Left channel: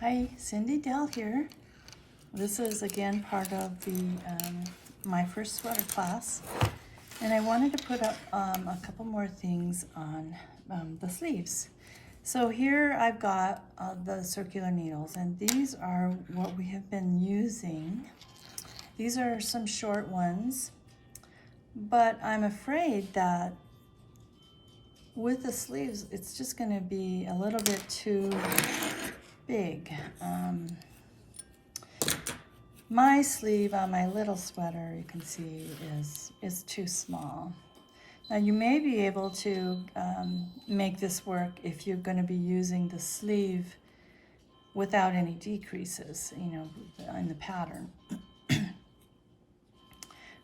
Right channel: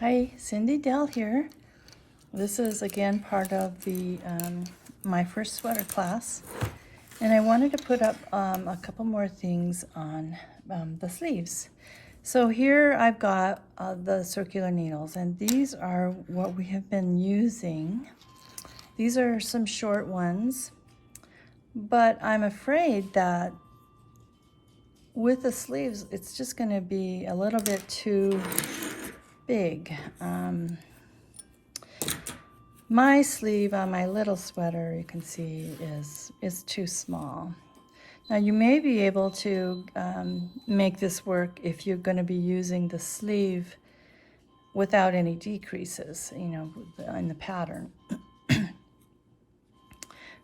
Hi, Cindy Dell here. This is again part of the my first sweater class, and I wanted to put up a couple more things on the sleeves. So here I've got the circular needles, and these are what we have been using. These are some short ones, but I'm afraid that with the sleeves it's just going to be a little bit too big. My sleeve on my little sweater, you can see, is too small. Now you may be able to make this work if you're going to be using the sleeve without any decreases, in the pattern.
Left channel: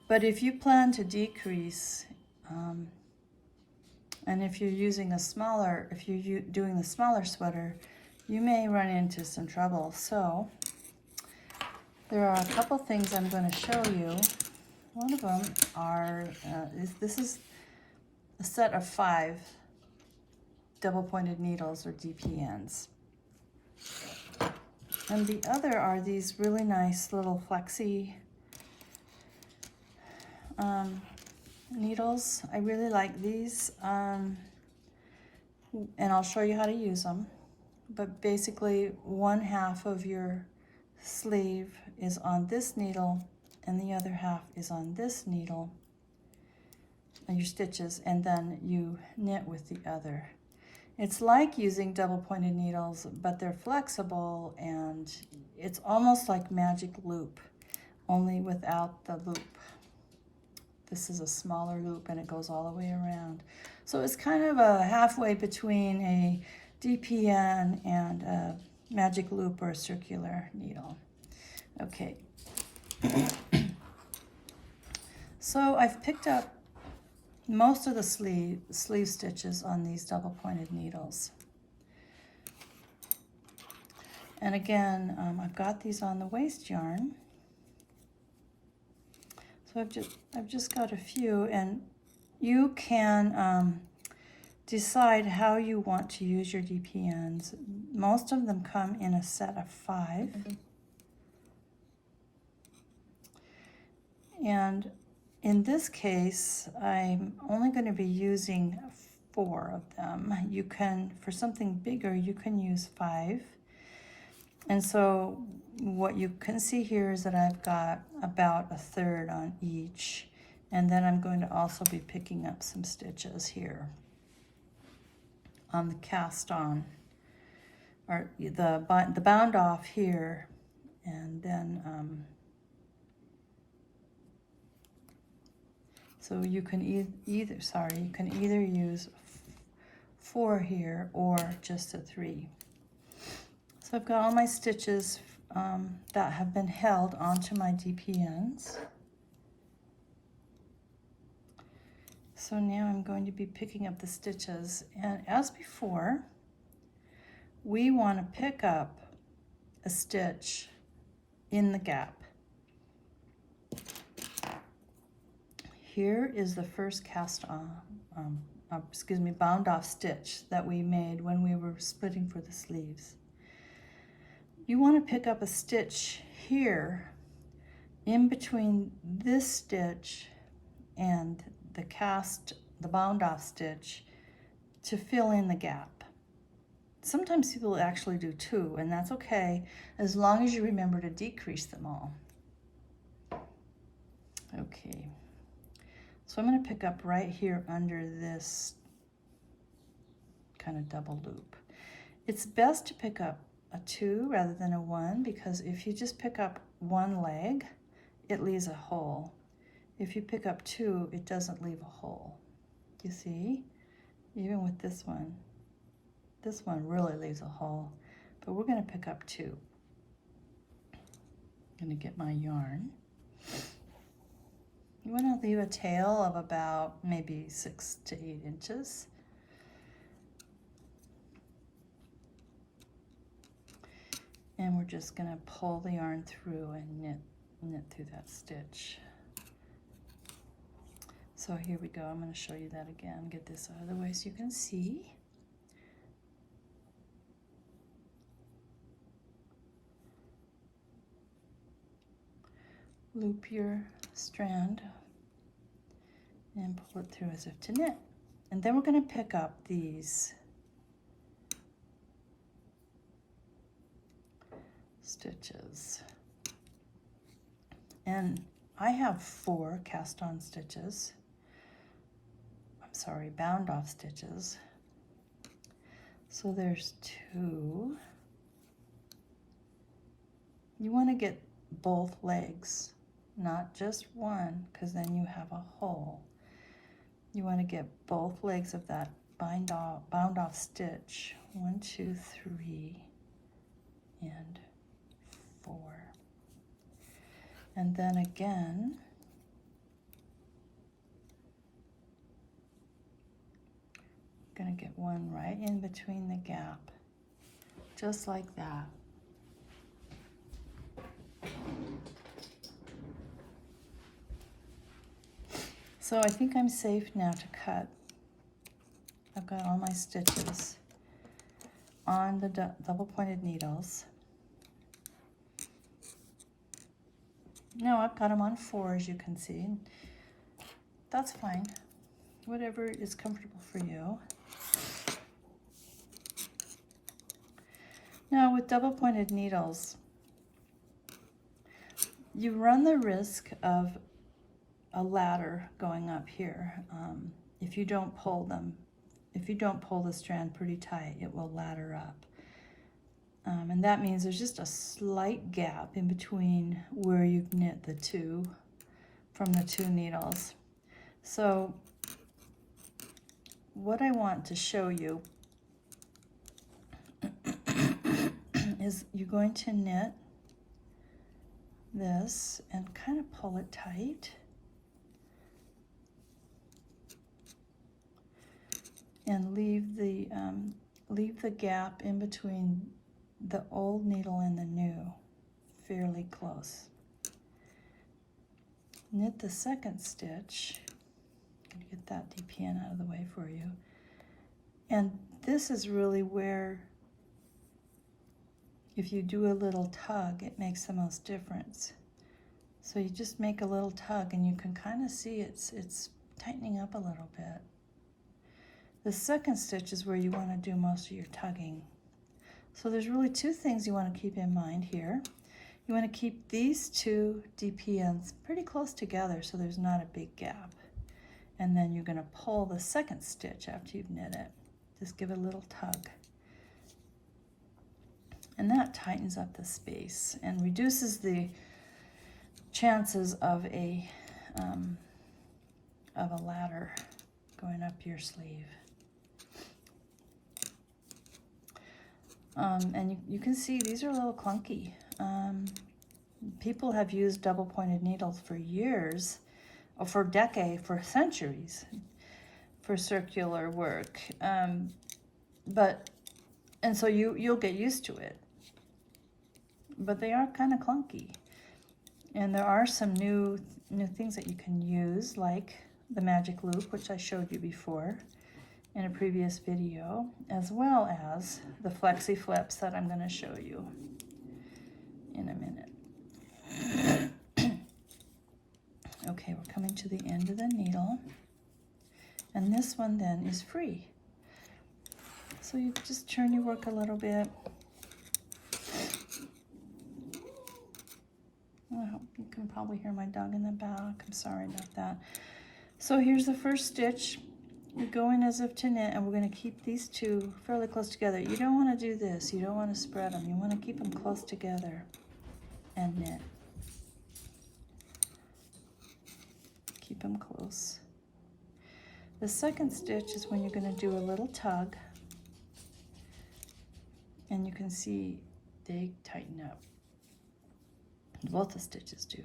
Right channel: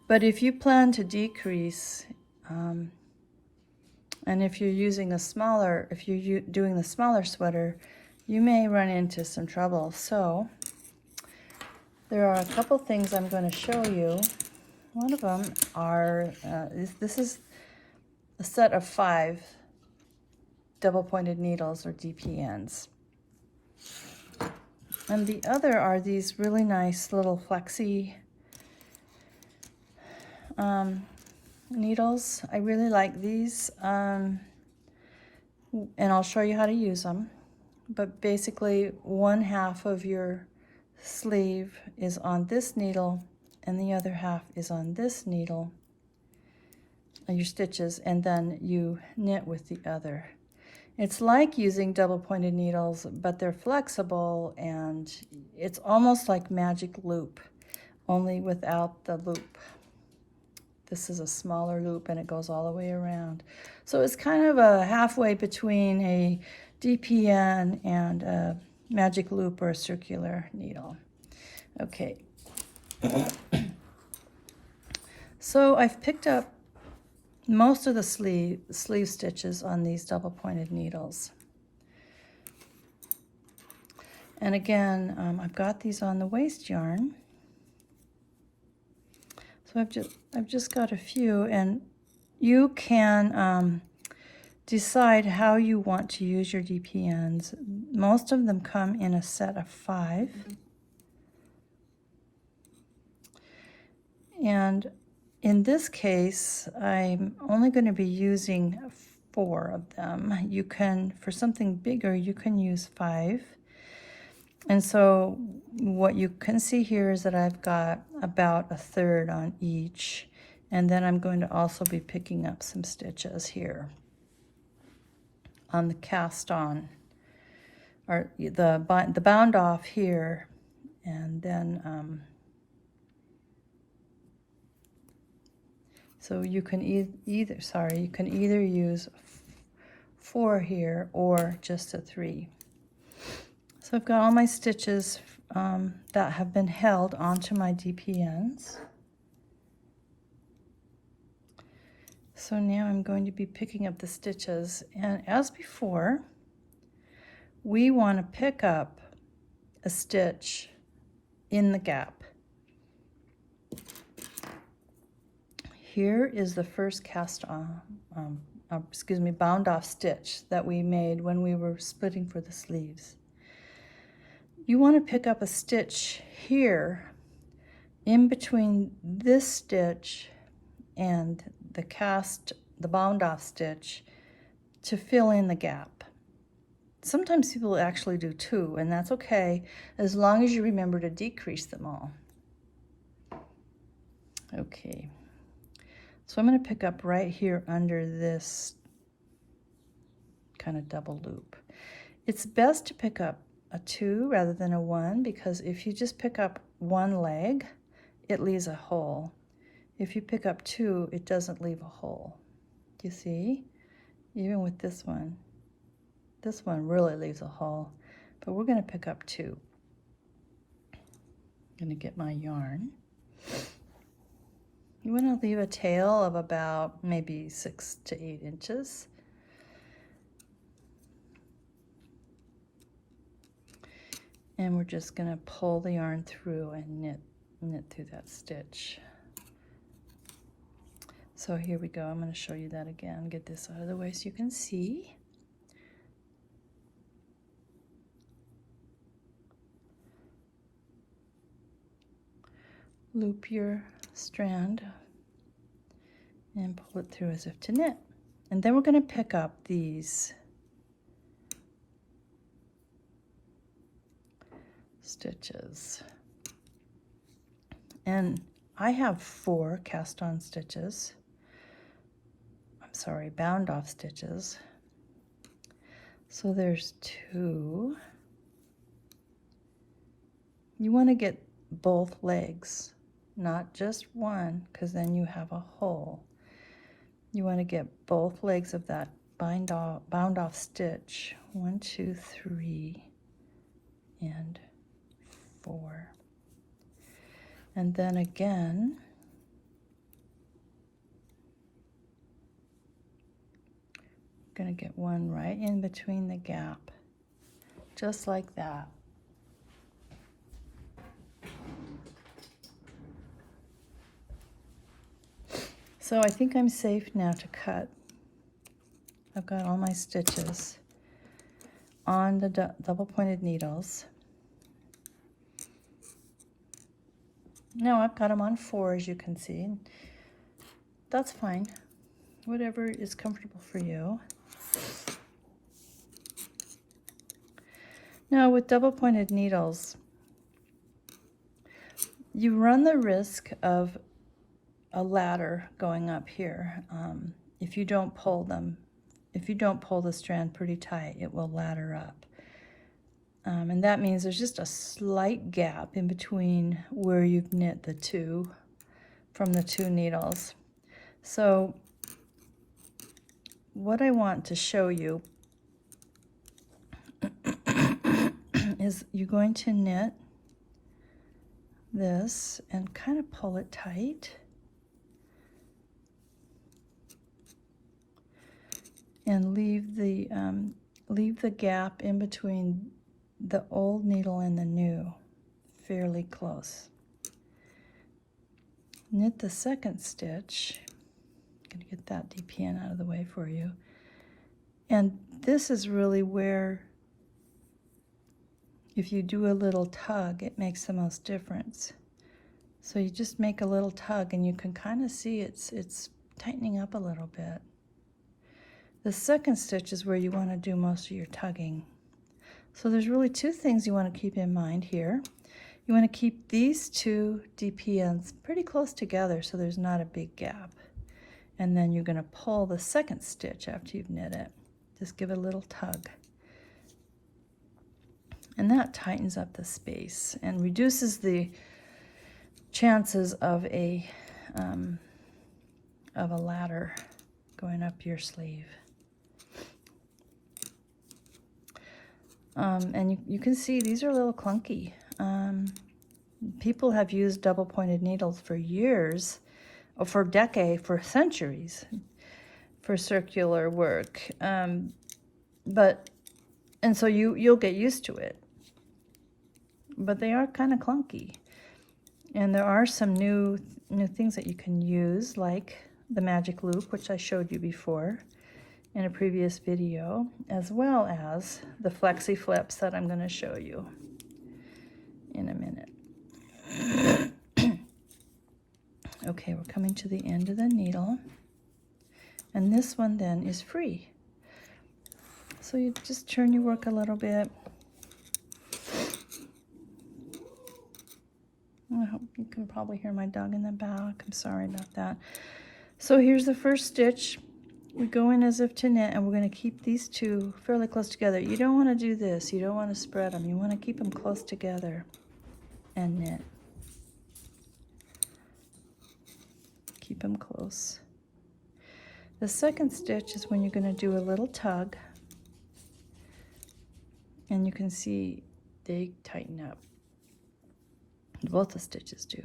But if you plan to decrease, and if you're using if you're doing the smaller sweater, you may run into some trouble. So there are a couple things I'm going to show you. One of them are, this is a set of 5 double-pointed needles, or DPNs. And the other are these really nice little flexi needles. I really like these, and I'll show you how to use them. But basically, 1/2 of your sleeve is on this needle, and the other half is on this needle, your stitches, and then you knit with the other. It's like using double-pointed needles, but they're flexible, and it's almost like magic loop, only without the loop. This is a smaller loop, and it goes all the way around. So it's kind of a halfway between a DPN and a magic loop or a circular needle. Okay. So I've picked up most of the sleeve stitches on these double-pointed needles. And again, I've got these on the waste yarn. So I've just got a few, and you can decide how you want to use your DPNs. Most of them come in a set of 5. And in this case, I'm only going to be using 4 of them. You can, for something bigger, you can use 5. And so what you can see here is that I've got about 1/3 on each. And then I'm going to also be picking up some stitches here on the cast on, or the bound off here, and then so you can either use 4 here or just a 3. So I've got all my stitches that have been held onto my DPNs. So now I'm going to be picking up the stitches, and as before, we want to pick up a stitch in the gap. Here is the first bound off stitch that we made when we were splitting for the sleeves. You want to pick up a stitch here in between this stitch and the bound off stitch to fill in the gap. Sometimes people actually do 2, and that's okay, as long as you remember to decrease them all. Okay, so I'm going to pick up right here under this kind of double loop. It's best to pick up a 2 rather than a 1, because if you just pick up one leg, it leaves a hole. If you pick up 2, it doesn't leave a hole. You see? Even with this one really leaves a hole, but we're going to pick up 2. I'm going to get my yarn. You want to leave a tail of about maybe 6 to 8 inches. And we're just going to pull the yarn through and knit through that stitch. So here we go. I'm going to show you that again. Get this out of the way so you can see. loop your strand and pull it through as if to knit. And then we're going to pick up these stitches. And I have 4 cast on stitches. I'm sorry, bound off stitches. So there's 2. You want to get both legs, not just one, because then you have a hole. You want to get both legs of that bound off stitch. 1, 2, 3, and 4. And then again, I'm going to get one right in between the gap, just like that. So I think I'm safe now to cut. I've got all my stitches on the double pointed needles. Now I've got them on 4, as you can see. That's fine, whatever is comfortable for you. Now with double pointed needles, you run the risk of a ladder going up here. If you don't pull the strand pretty tight, it will ladder up. And that means there's just a slight gap in between where you've knit the 2 from the 2 needles. So what I want to show you is you're going to knit this and kind of pull it tight. And leave the gap in between the old needle and the new fairly close. Knit the second stitch. I'm going to get that DPN out of the way for you. And this is really where, if you do a little tug, it makes the most difference. So you just make a little tug and you can kind of see it's tightening up a little bit. The second stitch is where you want to do most of your tugging. So there's really 2 things you want to keep in mind here. You want to keep these 2 DPNs pretty close together so there's not a big gap. And then you're going to pull the second stitch after you've knit it. Just give it a little tug. And that tightens up the space and reduces the chances of a ladder going up your sleeve. And you can see these are a little clunky. People have used double pointed needles for years, or for decades, for centuries, for circular work. And so you'll get used to it. But they are kind of clunky. And there are some new things that you can use, like the magic loop, which I showed you before in a previous video, as well as the Flexi-Flips that I'm going to show you in a minute. Okay, we're coming to the end of the needle, and this one then is free. So you just turn your work a little bit. I hope you can probably hear my dog in the back. I'm sorry about that. So here's the first stitch. We go in as if to knit, and we're going to keep these 2 fairly close together. You don't want to do this. You don't want to spread them. You want to keep them close together and knit. Keep them close. The second stitch is when you're going to do a little tug, and you can see they tighten up. Both the stitches do,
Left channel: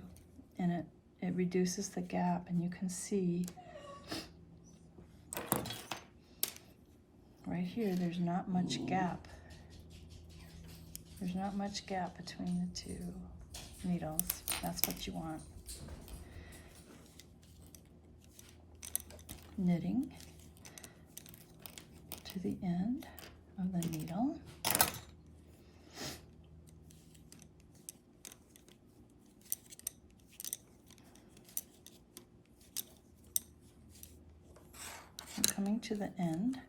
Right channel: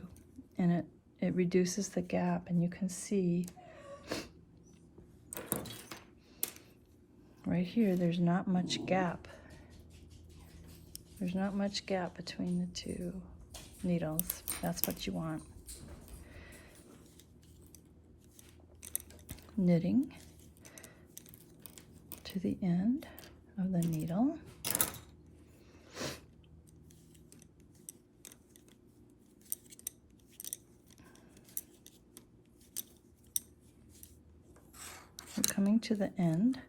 and it reduces the gap, and you can see right here there's not much gap. There's not much gap between the 2 needles. That's what you want. Knitting to the end of the needle. to the end.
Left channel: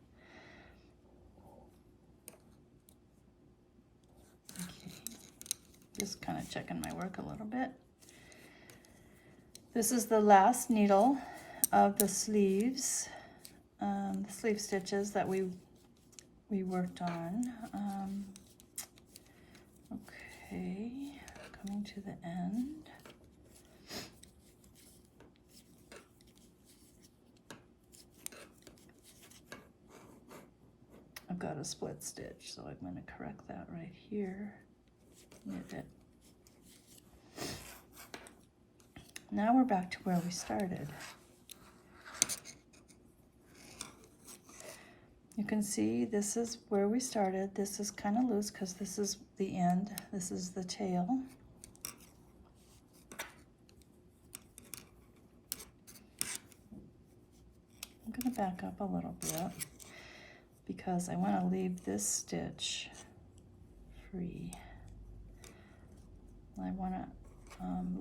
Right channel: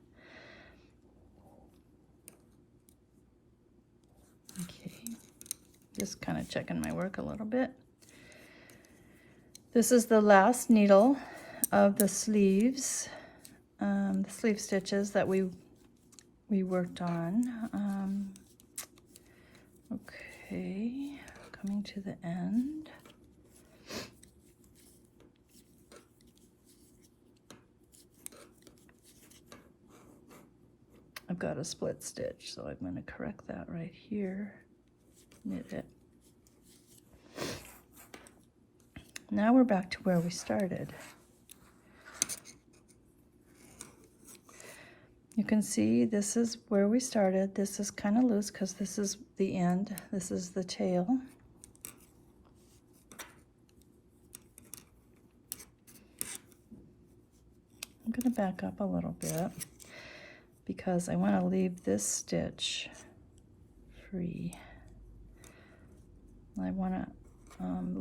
Okay, just kind of checking my work a little bit. This is the last needle of the sleeves, the sleeve stitches that we worked on. Okay, coming to the end. I've got a split stitch, so I'm going to correct that right here. Knit it. Now we're back to where we started. You can see this is where we started. This is kind of loose because this is the end. This is the tail. I'm going to back up a little bit because I want to leave this stitch free. I want to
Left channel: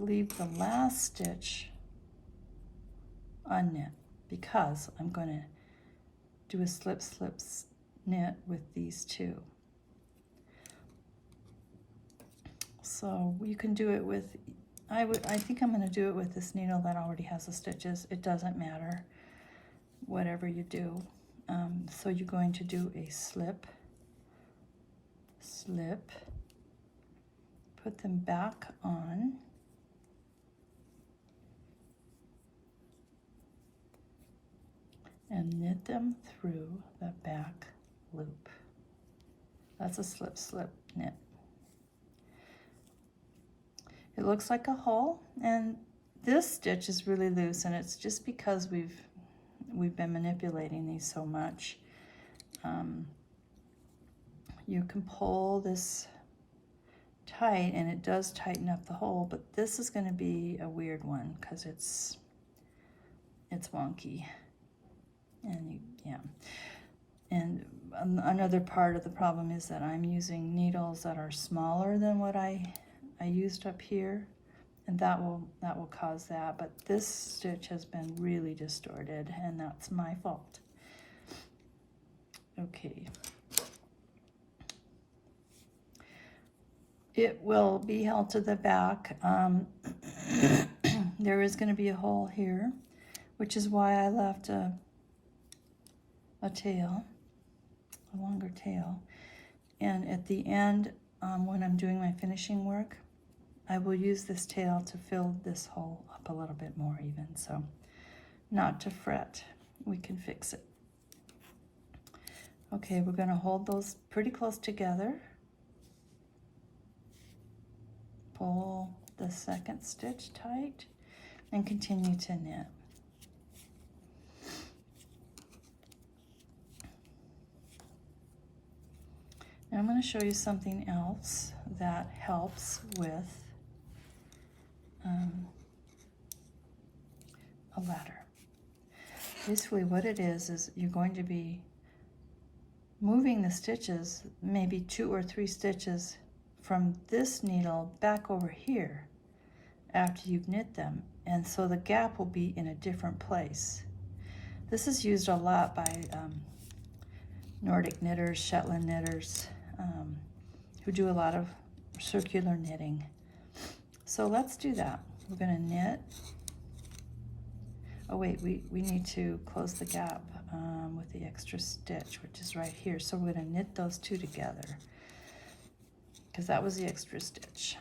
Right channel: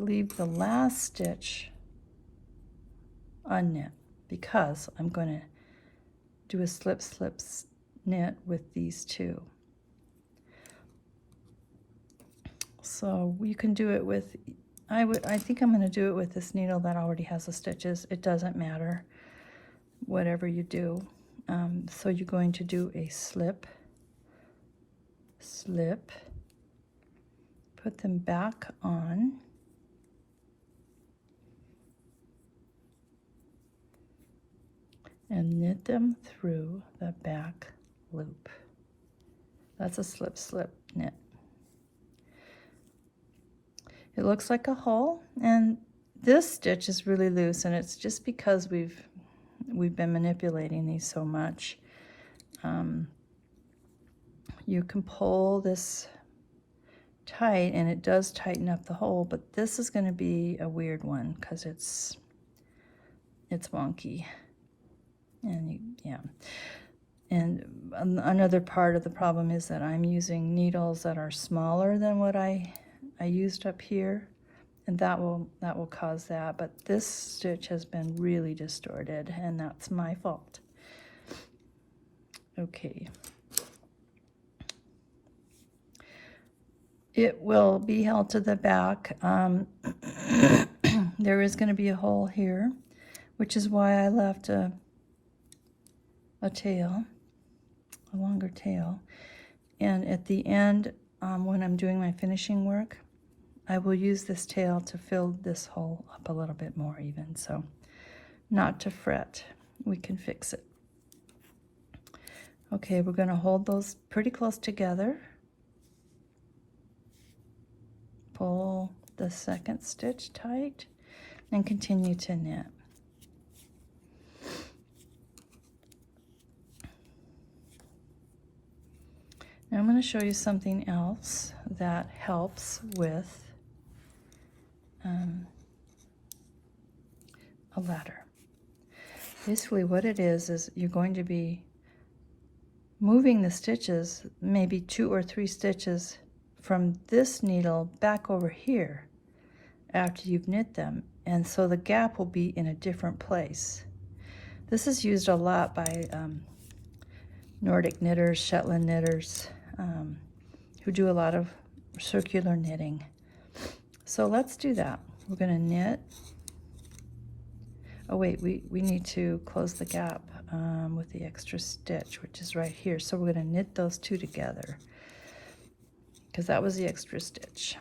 leave the last stitch unknit because I'm going to do a slip slip knit with these two. So you can do it with, I think I'm going to do it with this needle that already has the stitches. It doesn't matter, whatever you do. So you're going to do a slip, slip, put them back on, and knit them through the back loop. That's a slip slip knit. It looks like a hole, and this stitch is really loose, and it's just because we've been manipulating these so much. You can pull this tight and it does tighten up the hole, but this is going to be a weird one because it's wonky. And yeah, and another part of the problem is that I'm using needles that are smaller than what I used up here, and that will cause that. But this stitch has been really distorted, and that's my fault. Okay. It will be held to the back. There is going to be a hole here, which is why I left a tail, a longer tail. And at the end, when I'm doing my finishing work, I will use this tail to fill this hole up a little bit more even. So not to fret, we can fix it. Okay, we're going to hold those pretty close together. Pull the second stitch tight and continue to knit. Now I'm going to show you something else that helps with a ladder. Basically what it is you're going to be moving the stitches, maybe 2 or 3 stitches from this needle back over here after you've knit them, and so the gap will be in a different place. This is used a lot by Nordic knitters, Shetland knitters, who do a lot of circular knitting. So let's do that. We're going to knit. Oh wait, we need to close the gap with the extra stitch, which is right here. So we're going to knit those two together, because that was the extra stitch.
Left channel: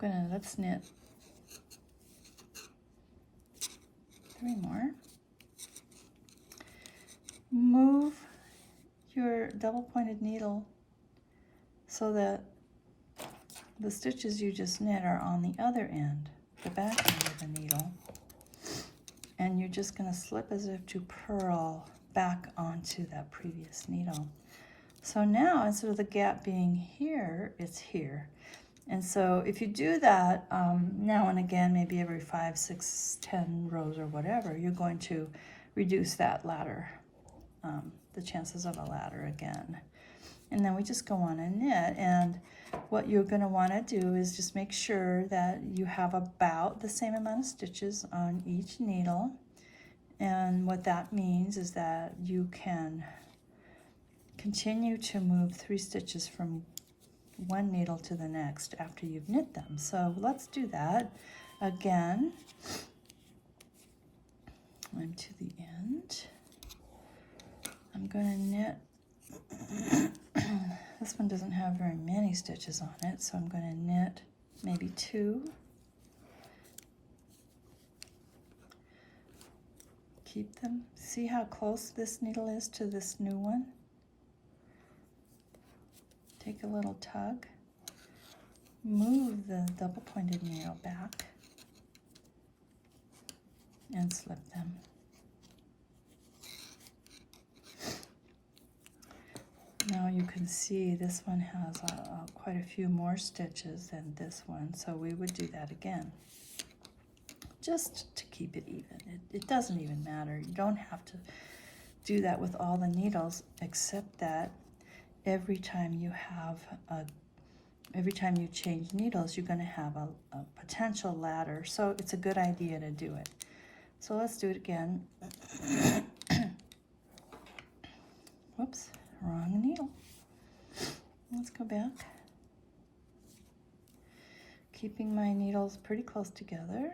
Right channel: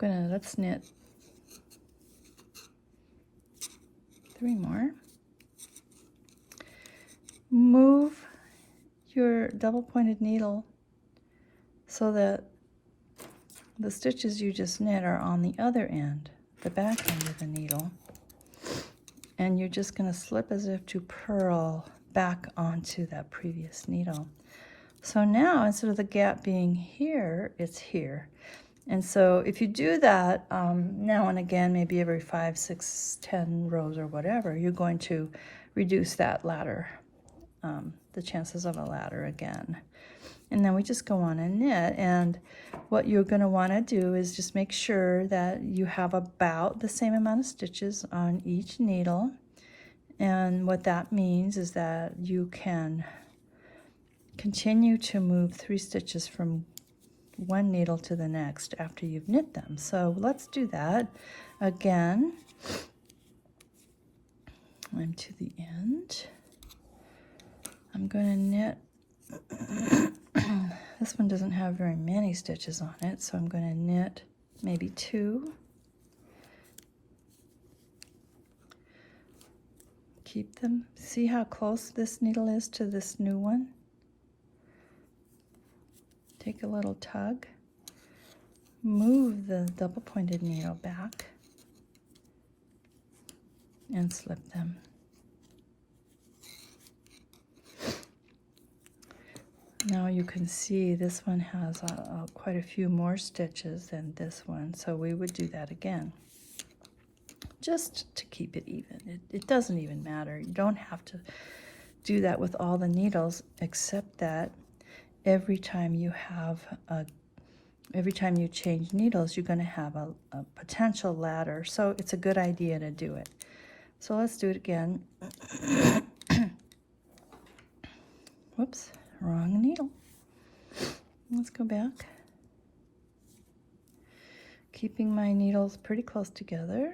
Let's knit 3 more. Move your double pointed needle so that the stitches you just knit are on the other end, the back end of the needle, and you're just going to slip as if to purl back onto that previous needle. So now, instead of the gap being here, it's here. And so if you do that now and again, maybe every 5, 6, 10 rows or whatever, you're going to reduce that ladder, the chances of a ladder again. And then we just go on and knit. And what you're going to want to do is just make sure that you have about the same amount of stitches on each needle. And what that means is that you can continue to move 3 stitches from one needle to the next after you've knit them. So let's do that again. I'm to the end. I'm going to knit. This one doesn't have very many stitches on it, so I'm going to knit maybe 2. Keep them. See how close this needle is to this new one? Take a little tug. Move the double pointed needle back and slip them. Now you can see this one has quite a few more stitches than this one, so we would do that again, just to keep it even. It doesn't even matter. You don't have to do that with all the needles, except that every time you change needles, you're going to have a potential ladder, so it's a good idea to do it. So let's do it again. Whoops. Wrong needle. Let's go back. Keeping my needles pretty close together.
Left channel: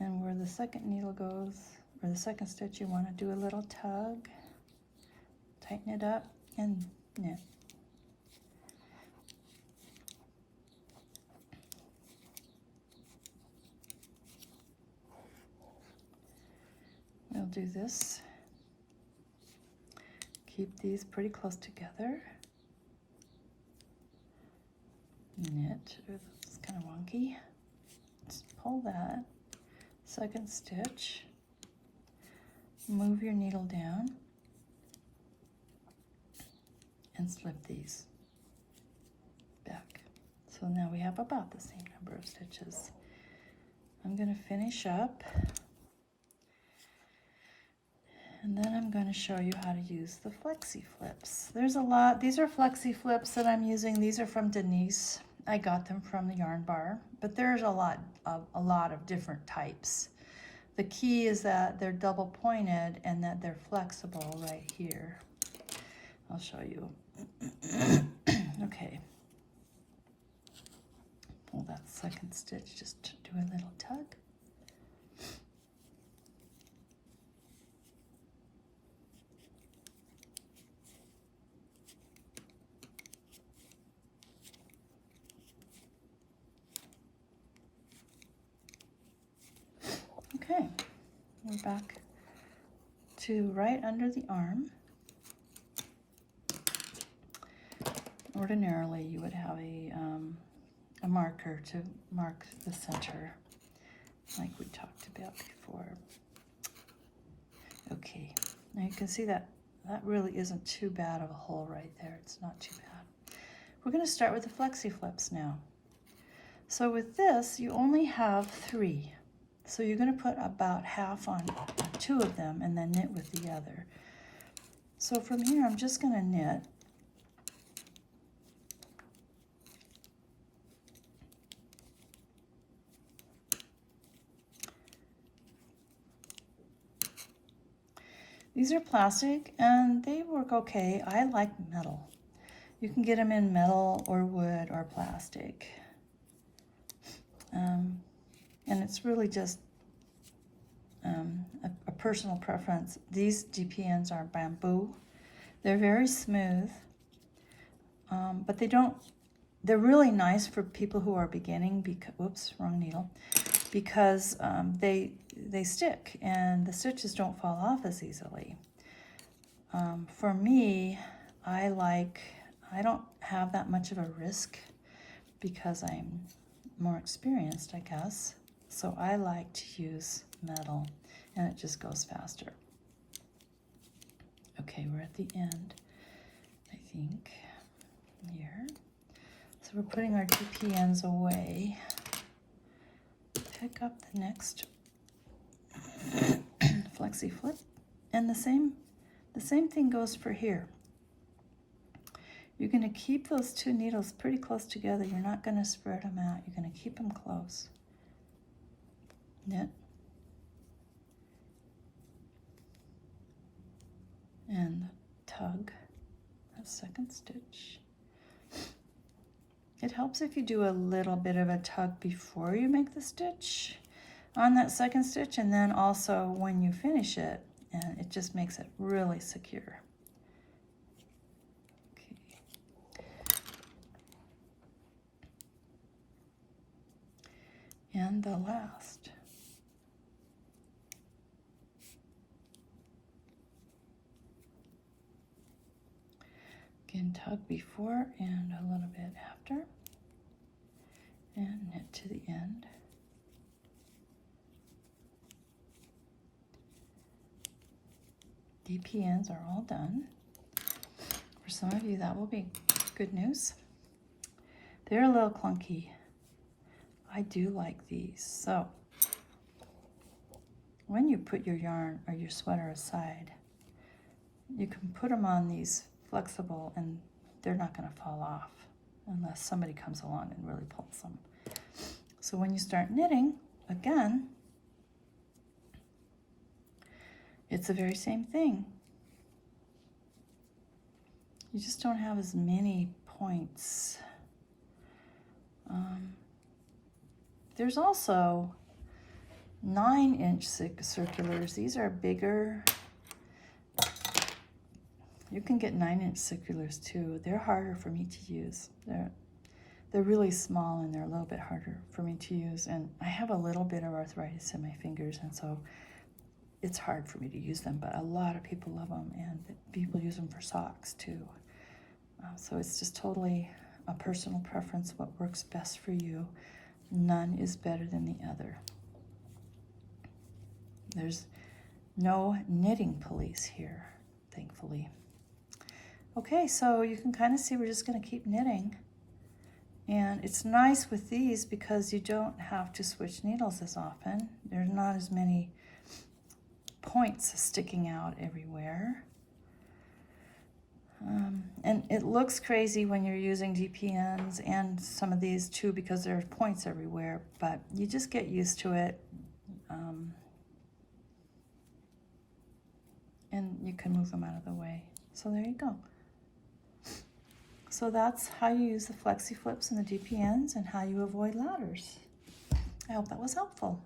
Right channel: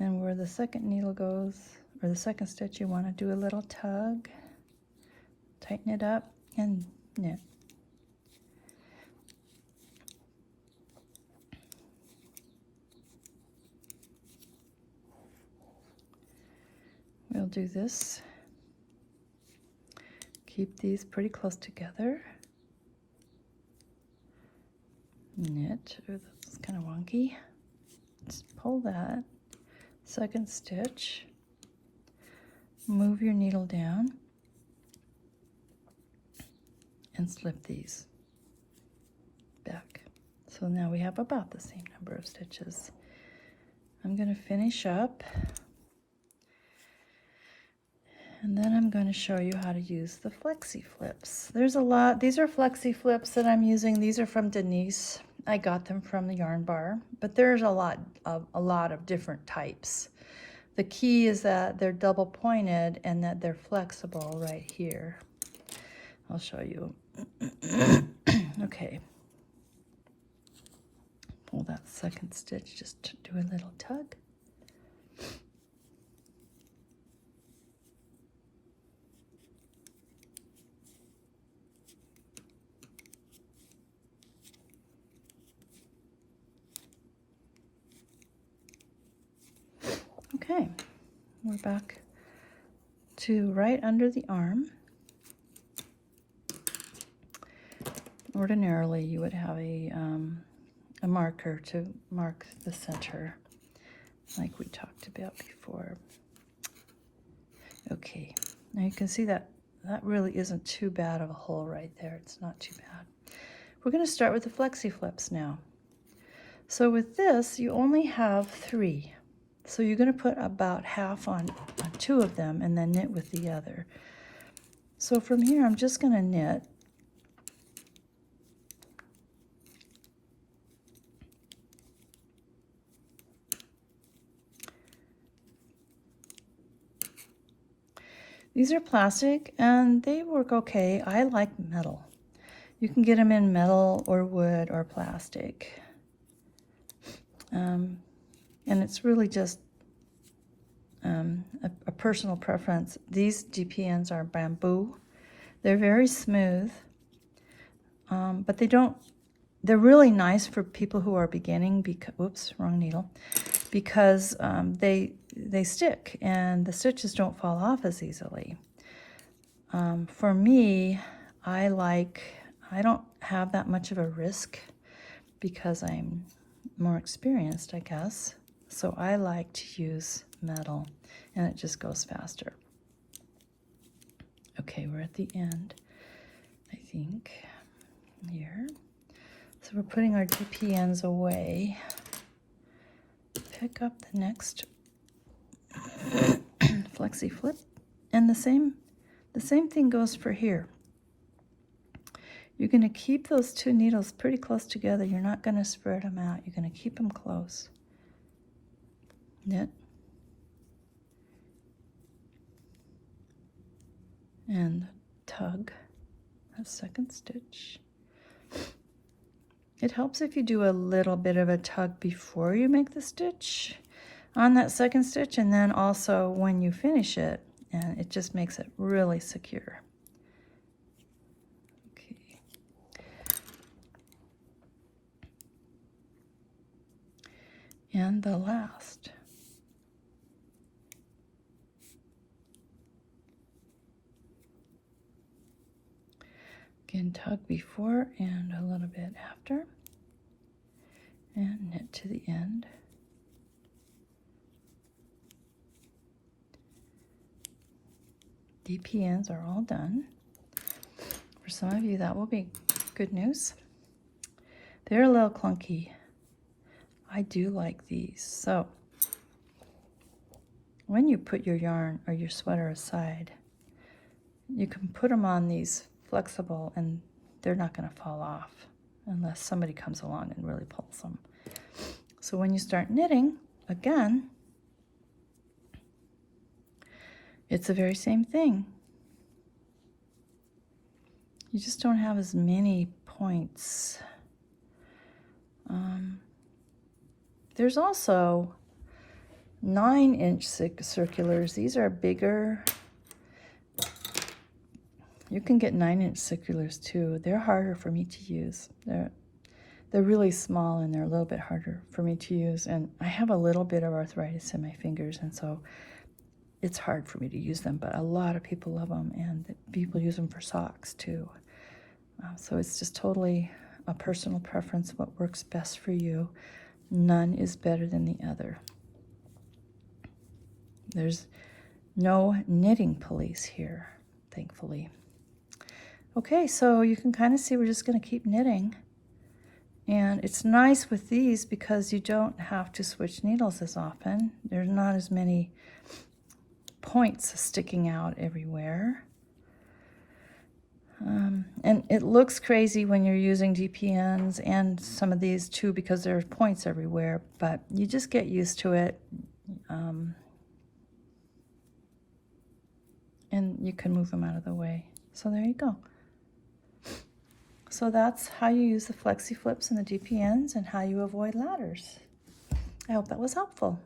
And where the second needle goes, or the second stitch, you want to do a little tug. Tighten it up and knit. We'll do this. Keep these pretty close together. Knit. Ooh, that's kind of wonky. Let's pull that. Second stitch. Move your needle down and slip these back. So now we have about the same number of stitches. I'm going to finish up. And then I'm going to show you how to use the Flexi-Flips. There's a lot. These are Flexi-Flips that I'm using. These are from Denise. I got them from the Yarn Bar, but there's a lot of different types. The key is that they're double pointed and that they're flexible right here. I'll show you. Okay. Pull that second stitch, just do a little tug. Okay, we're back to right under the arm. Ordinarily, you would have a marker to mark the center, like we talked about before. Okay, now you can see that really isn't too bad of a hole right there. It's not too bad. We're going to start with the Flexi-Flips now. So with this, you only have 3. So you're going to put about half on 2 of them and then knit with the other. So from here, I'm just going to knit. These are plastic and they work okay. I like metal. You can get them in metal or wood or plastic. And it's really just a personal preference. These DPNs are bamboo. They're very smooth, but they're really nice for people who are beginning, because, oops, wrong needle, because they stick and the stitches don't fall off as easily. For me, I don't have that much of a risk because I'm more experienced, I guess. So I like to use metal and it just goes faster. Okay, we're at the end, I think, here. So we're putting our DPNs away. Pick up the next Flexi-Flip, and the same thing goes for here. You're going to keep those 2 needles pretty close together. You're not going to spread them out. You're going to keep them close. Knit. and tug that second stitch. It helps if you do a little bit of a tug before you make the stitch on that second stitch, and then also when you finish it, and it just makes it really secure. Okay. And the last. Again, tug before and a little bit after, and knit to the end. DPNs are all done. For some of you, that will be good news. They're a little clunky. I do like these. So when you put your yarn or your sweater aside, you can put them on these flexible and they're not going to fall off unless somebody comes along and really pulls them. So when you start knitting, again, it's the very same thing. You just don't have as many points. There's also 9-inch circulars. These are bigger. You can get 9-inch circulars too. They're harder for me to use. They're really small and they're a little bit harder for me to use. And I have a little bit of arthritis in my fingers, and so it's hard for me to use them. But a lot of people love them, and people use them for socks too. So it's just totally a personal preference, what works best for you. None is better than the other. There's no knitting police here, thankfully. Okay, so you can kind of see we're just going to keep knitting. And it's nice with these because you don't have to switch needles as often. There's not as many points sticking out everywhere. And it looks crazy when you're using DPNs and some of these too because there's points everywhere, but you just get used to it. And you can move them out of the way. So there you go. So that's how you use the Flexi-Flips and the DPNs and how you avoid ladders. I hope that was helpful.